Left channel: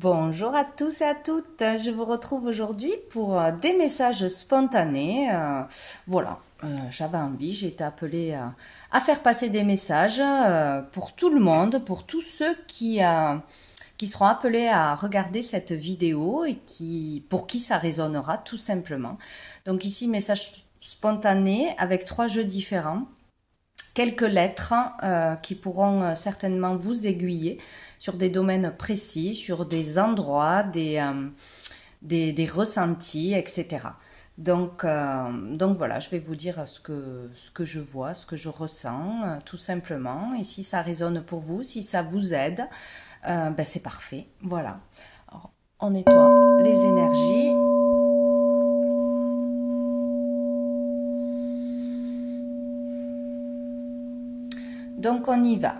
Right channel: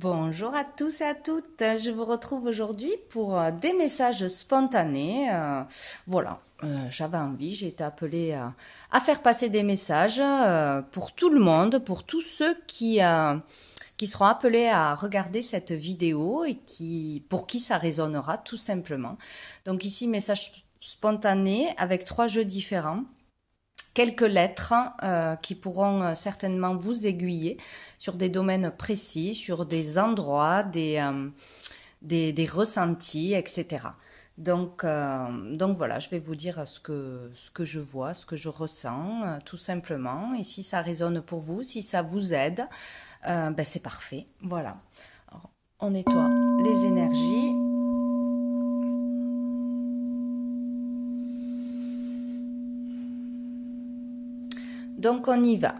Bonjour à tous et à toutes, je vous retrouve aujourd'hui pour des messages spontanés. J'avais envie, j'ai été appelée à faire passer des messages pour tout le monde, pour tous ceux qui seront appelés à regarder cette vidéo et pour qui ça résonnera tout simplement. Donc ici, message spontané avec 3 jeux différents. Quelques lettres qui pourront certainement vous aiguiller sur des domaines précis, sur des endroits, des ressentis, etc. Donc voilà, je vais vous dire ce que je vois, ce que je ressens, tout simplement. Et si ça résonne pour vous, si ça vous aide, c'est parfait. Voilà. Alors, on nettoie les énergies. Donc on y va.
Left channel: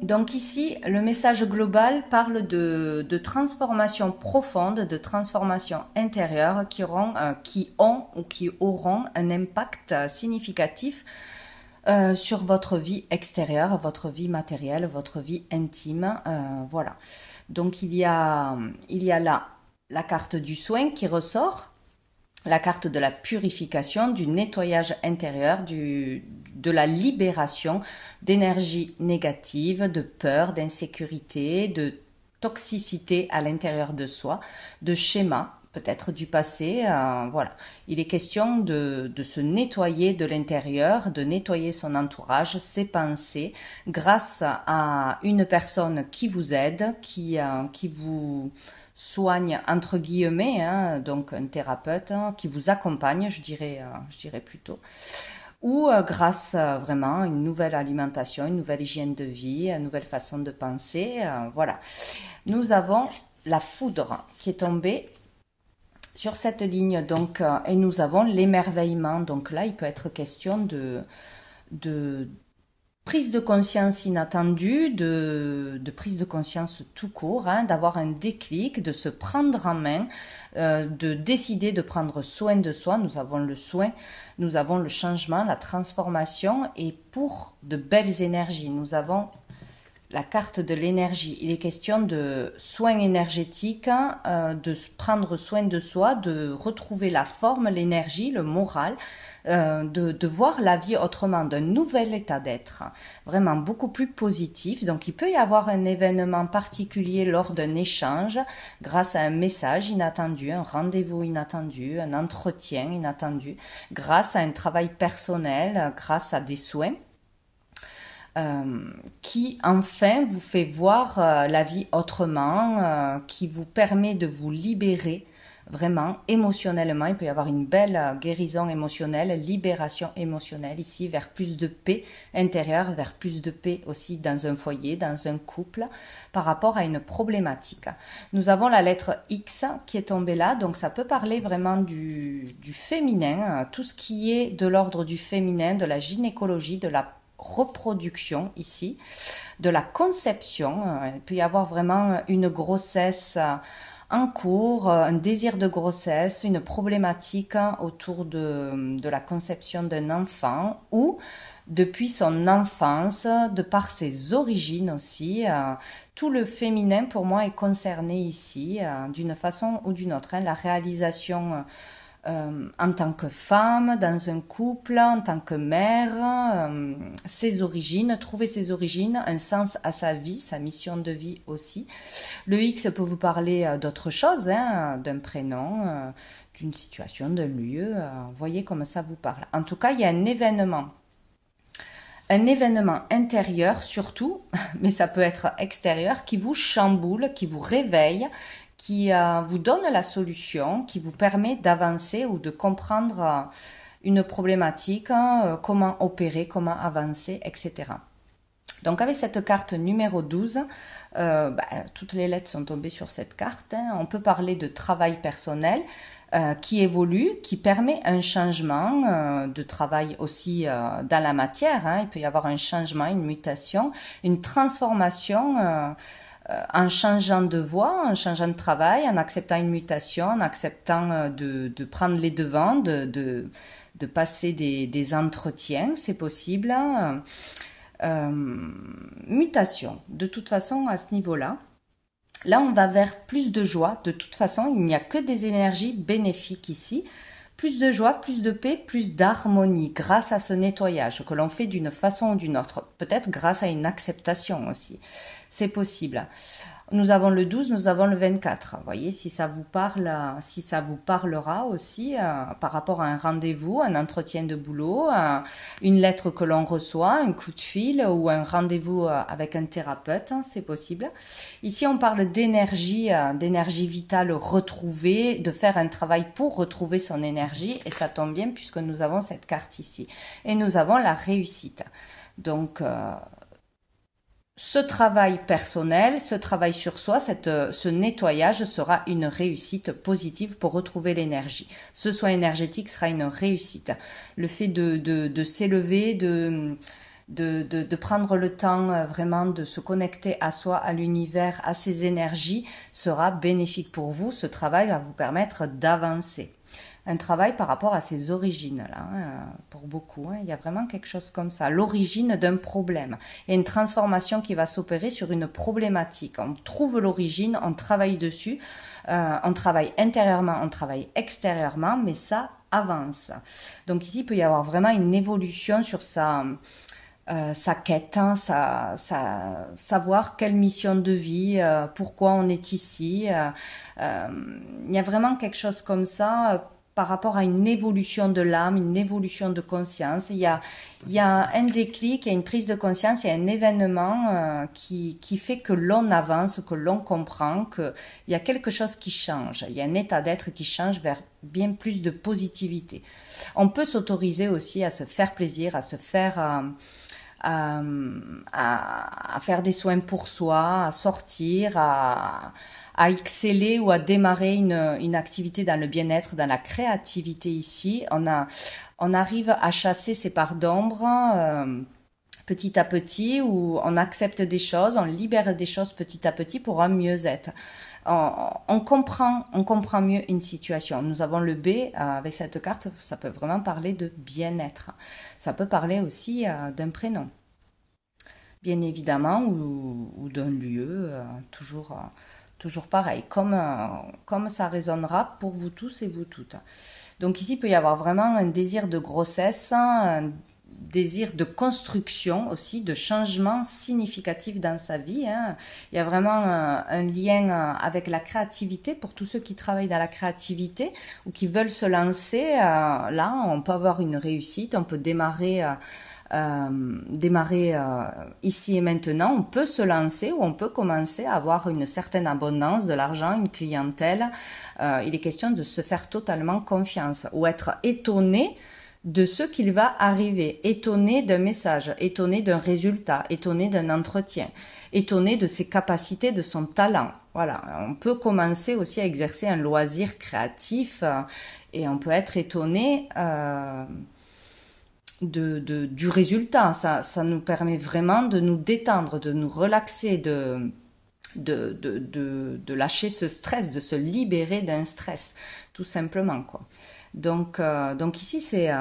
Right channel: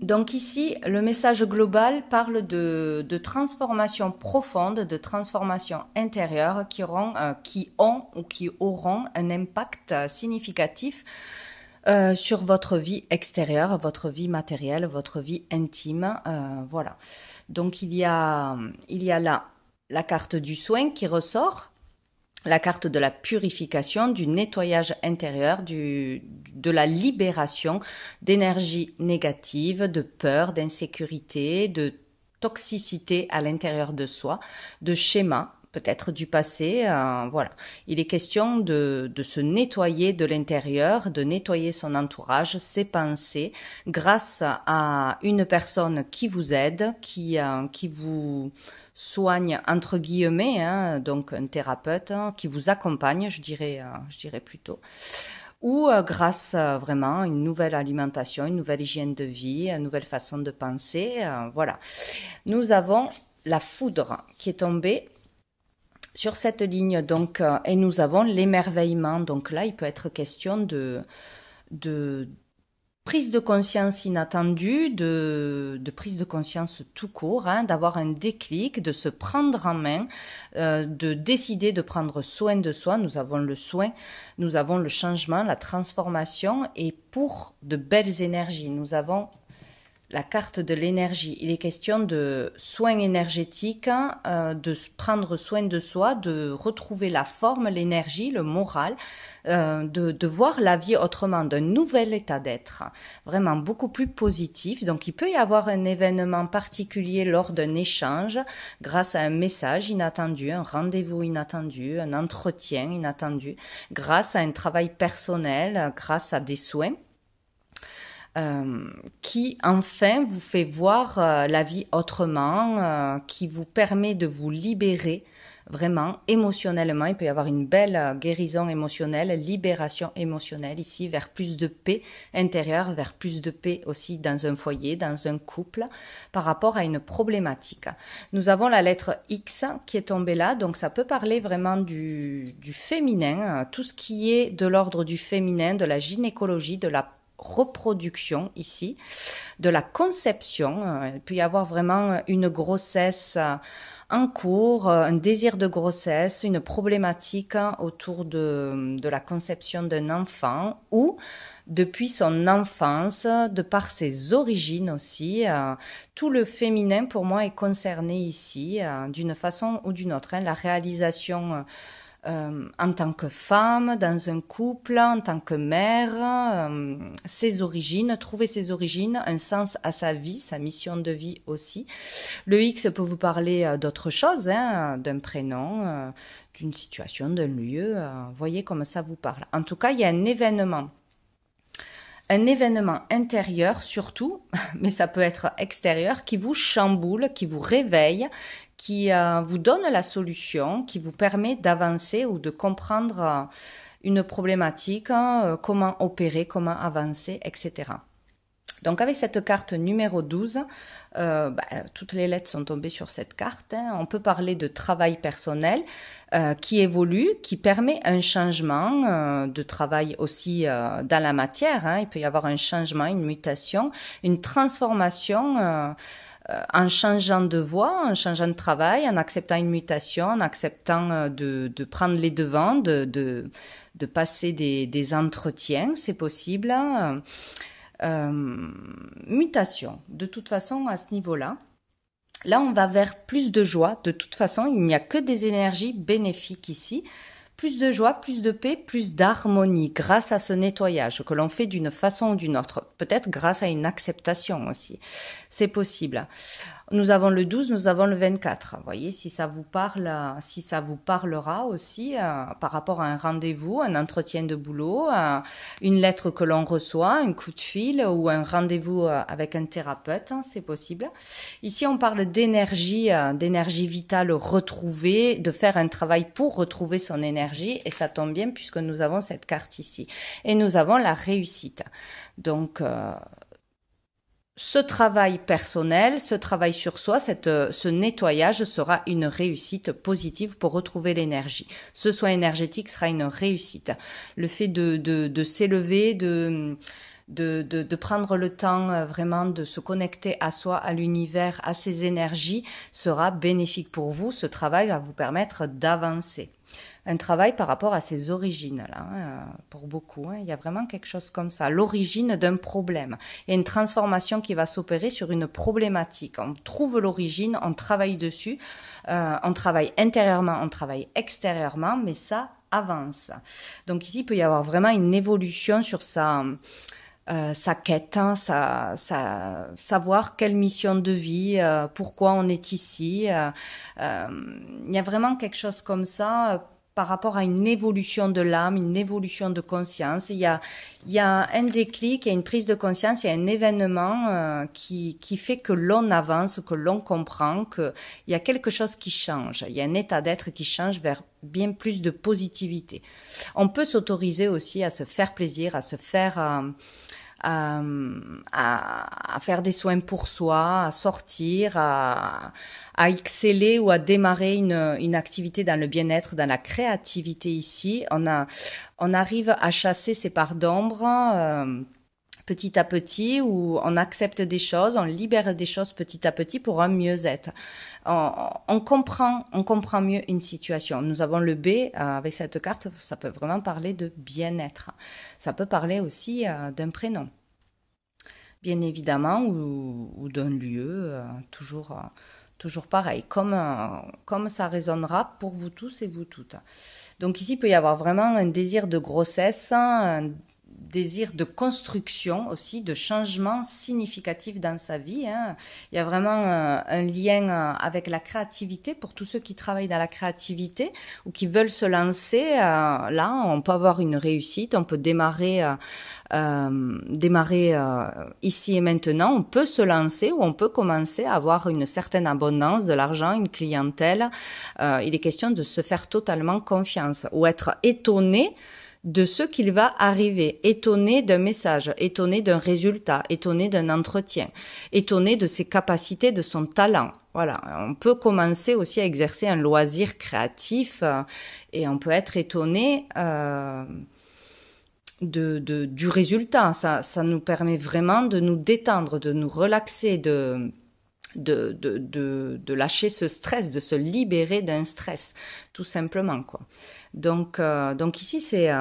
Donc ici, le message global parle de transformation profonde, de transformation intérieure qui ont ou qui auront un impact significatif sur votre vie extérieure, votre vie matérielle, votre vie intime. Voilà. Donc il y a là la carte du soin qui ressort, la carte de la purification, du nettoyage intérieur, de la libération d'énergie négative, de peur, d'insécurité, de toxicité à l'intérieur de soi, de schémas, peut-être du passé. Voilà. Il est question de se nettoyer de l'intérieur, de nettoyer son entourage, ses pensées, grâce à une personne qui vous aide, qui vous soigne entre guillemets, hein, donc un thérapeute qui vous accompagne, je dirais plutôt, ou grâce vraiment à une nouvelle alimentation, une nouvelle hygiène de vie, une nouvelle façon de penser. Voilà. Nous avons la foudre qui est tombée sur cette ligne, donc, et nous avons l'émerveillement. Donc là, il peut être question de prise de conscience inattendue, de prise de conscience tout court, hein, d'avoir un déclic, de se prendre en main, de décider de prendre soin de soi. Nous avons le soin, nous avons le changement, la transformation, et pour de belles énergies, nous avons la carte de l'énergie. Il est question de soins énergétiques, de prendre soin de soi, de retrouver la forme, l'énergie, le moral, de voir la vie autrement, d'un nouvel état d'être, vraiment beaucoup plus positif. Donc il peut y avoir un événement particulier lors d'un échange, grâce à un message inattendu, un rendez-vous inattendu, un entretien inattendu, grâce à un travail personnel, grâce à des soins. Qui enfin vous fait voir la vie autrement, qui vous permet de vous libérer vraiment émotionnellement. Il peut y avoir une belle guérison émotionnelle, libération émotionnelle ici, vers plus de paix intérieure, vers plus de paix aussi dans un foyer, dans un couple, par rapport à une problématique. Nous avons la lettre X qui est tombée là, donc ça peut parler vraiment du féminin, tout ce qui est de l'ordre du féminin, de la gynécologie, de la reproduction ici, de la conception. Il peut y avoir vraiment une grossesse en cours, un désir de grossesse, une problématique autour de la conception d'un enfant, ou depuis son enfance, de par ses origines aussi. Tout le féminin pour moi est concerné ici, d'une façon ou d'une autre, hein. La réalisation en tant que femme, dans un couple, en tant que mère, ses origines, trouver ses origines, un sens à sa vie, sa mission de vie aussi. Le X peut vous parler d'autre chose, hein, d'un prénom, d'une situation, d'un lieu. Voyez comme ça vous parle. En tout cas, il y a un événement intérieur surtout, mais ça peut être extérieur, qui vous chamboule, qui vous réveille, qui vous donne la solution, qui vous permet d'avancer ou de comprendre une problématique, comment opérer, comment avancer, etc. Donc avec cette carte numéro 12, toutes les lettres sont tombées sur cette carte, hein. On peut parler de travail personnel qui évolue, qui permet un changement de travail aussi dans la matière, hein. Il peut y avoir un changement, une mutation, une transformation en changeant de voie, en changeant de travail, en acceptant une mutation, en acceptant de prendre les devants, de passer des entretiens, c'est possible. Mutation, de toute façon, à ce niveau-là. Là, on va vers plus de joie. De toute façon, il n'y a que des énergies bénéfiques ici. Plus de joie, plus de paix, plus d'harmonie grâce à ce nettoyage que l'on fait d'une façon ou d'une autre. Peut-être grâce à une acceptation aussi. C'est possible. Nous avons le 12, nous avons le 24. Vous voyez, si ça vous parle, si ça vous parlera aussi par rapport à un rendez-vous, un entretien de boulot, une lettre que l'on reçoit, un coup de fil ou un rendez-vous avec un thérapeute, hein, c'est possible. Ici, on parle d'énergie, d'énergie vitale retrouvée, de faire un travail pour retrouver son énergie et ça tombe bien puisque nous avons cette carte ici. Et nous avons la réussite. Donc, ce travail personnel, ce travail sur soi, ce nettoyage sera une réussite positive pour retrouver l'énergie. Ce soin énergétique sera une réussite. Le fait de s'élever, de prendre le temps vraiment de se connecter à soi, à l'univers, à ses énergies, sera bénéfique pour vous. Ce travail va vous permettre d'avancer. Un travail par rapport à ses origines, là, pour beaucoup. Il y a vraiment quelque chose comme ça, l'origine d'un problème. Il y a une transformation qui va s'opérer sur une problématique. On trouve l'origine, on travaille dessus, on travaille intérieurement, on travaille extérieurement, mais ça avance. Donc ici, il peut y avoir vraiment une évolution sur sa quête, hein, savoir quelle mission de vie, pourquoi on est ici. Il y a vraiment quelque chose comme ça par rapport à une évolution de l'âme, une évolution de conscience. Il y a un déclic, il y a une prise de conscience, il y a un événement qui fait que l'on avance, que l'on comprend, qu'il y a quelque chose qui change. Il y a un état d'être qui change vers bien plus de positivité. On peut s'autoriser aussi à se faire plaisir, à se faire... à faire des soins pour soi, à sortir, à exceller ou à démarrer une activité dans le bien-être, dans la créativité ici. On arrive à chasser ces parts d'ombre petit à petit, où on accepte des choses, on libère des choses petit à petit pour un mieux-être. On comprend mieux une situation. Nous avons le B avec cette carte, ça peut vraiment parler de bien-être. Ça peut parler aussi d'un prénom, bien évidemment, ou d'un lieu, toujours pareil, comme ça résonnera pour vous tous et vous toutes. Donc ici, il peut y avoir vraiment un désir de grossesse, un désir de construction aussi, de changement significatif dans sa vie. Hein. Il y a vraiment un lien avec la créativité pour tous ceux qui travaillent dans la créativité ou qui veulent se lancer. Là, on peut avoir une réussite, on peut démarrer ici et maintenant, on peut se lancer ou on peut commencer à avoir une certaine abondance, de l'argent, une clientèle. Il est question de se faire totalement confiance ou être étonné de ce qu'il va arriver, étonné d'un message, étonné d'un résultat, étonné d'un entretien, étonné de ses capacités, de son talent. Voilà, on peut commencer aussi à exercer un loisir créatif et on peut être étonné du résultat. Ça nous permet vraiment de nous détendre, de nous relaxer, de lâcher ce stress, de se libérer d'un stress, tout simplement, quoi. Donc ici, c'est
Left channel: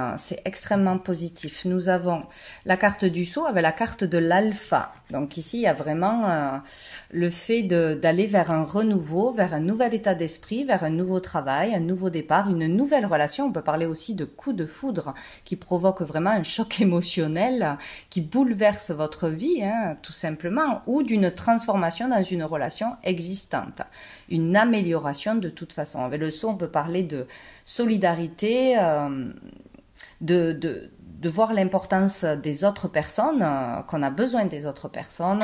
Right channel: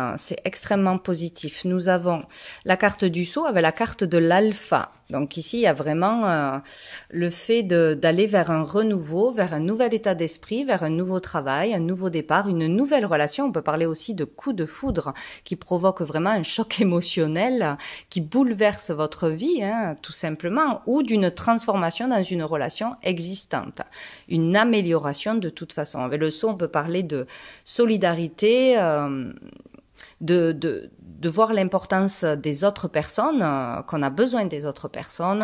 extrêmement positif. Nous avons la carte du sceau avec la carte de l'alpha. Donc ici, il y a vraiment le fait d'aller vers un renouveau, vers un nouvel état d'esprit, vers un nouveau travail, un nouveau départ, une nouvelle relation. On peut parler aussi de coup de foudre qui provoque vraiment un choc émotionnel, qui bouleverse votre vie, hein, tout simplement, ou d'une transformation dans une relation existante. Une amélioration de toute façon. Avec le sceau, on peut parler de solidarité, de voir l'importance des autres personnes, qu'on a besoin des autres personnes,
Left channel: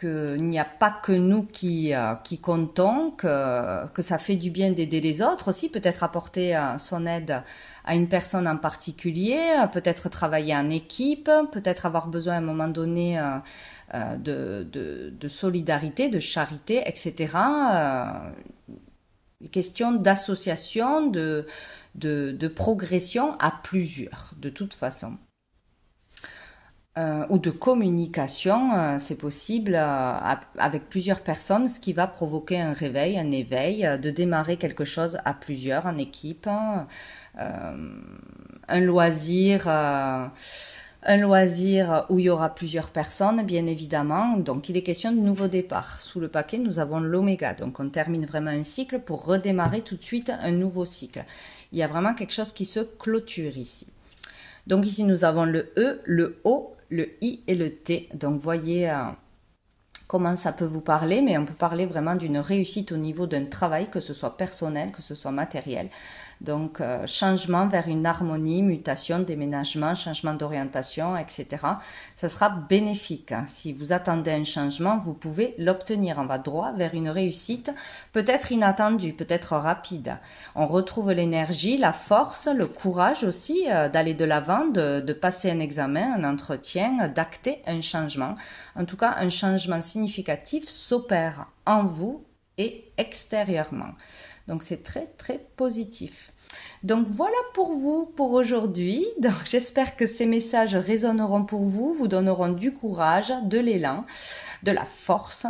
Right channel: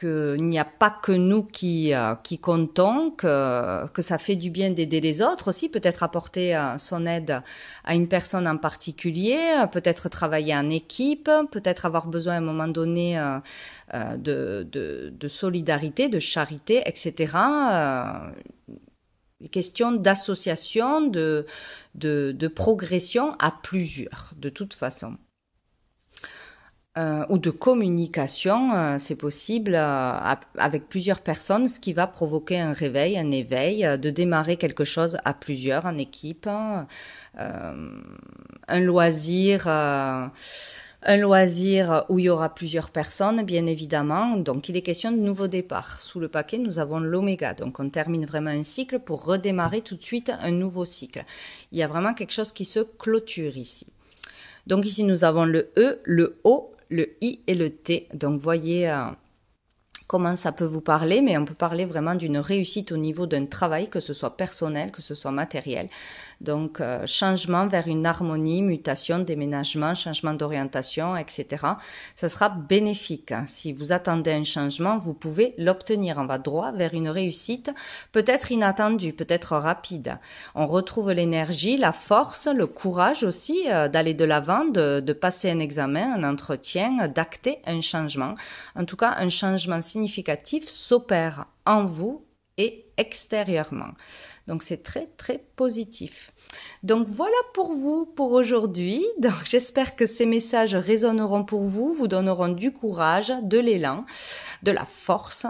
qu'il n'y a pas que nous qui comptons, que ça fait du bien d'aider les autres aussi, peut-être apporter son aide à une personne en particulier, peut-être travailler en équipe, peut-être avoir besoin à un moment donné de solidarité, de charité, etc. Question d'association, de progression à plusieurs, de toute façon. Ou de communication, c'est possible avec plusieurs personnes, ce qui va provoquer un réveil, un éveil, de démarrer quelque chose à plusieurs, en équipe, un loisir Un loisir où il y aura plusieurs personnes, bien évidemment. Donc, il est question de nouveau départ. Sous le paquet, nous avons l'oméga. Donc, on termine vraiment un cycle pour redémarrer tout de suite un nouveau cycle. Il y a vraiment quelque chose qui se clôture ici. Donc, ici, nous avons le E, le O, le I et le T. Donc, voyez comment ça peut vous parler, mais on peut parler vraiment d'une réussite au niveau d'un travail, que ce soit personnel, que ce soit matériel. Donc, changement vers une harmonie, mutation, déménagement, changement d'orientation, etc. Ça sera bénéfique. Si vous attendez un changement, vous pouvez l'obtenir. On va droit vers une réussite, peut-être inattendue, peut-être rapide. On retrouve l'énergie, la force, le courage aussi d'aller de l'avant, de passer un examen, un entretien, d'acter un changement. En tout cas, un changement significatif s'opère en vous et extérieurement. Donc, c'est très, très positif. Donc, voilà pour vous pour aujourd'hui. Donc, j'espère que ces messages résonneront pour vous, vous donneront du courage, de l'élan, de la force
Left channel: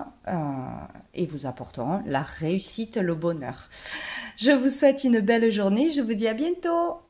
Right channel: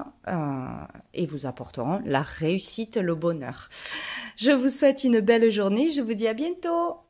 et vous apporteront la réussite, le bonheur. Je vous souhaite une belle journée. Je vous dis à bientôt.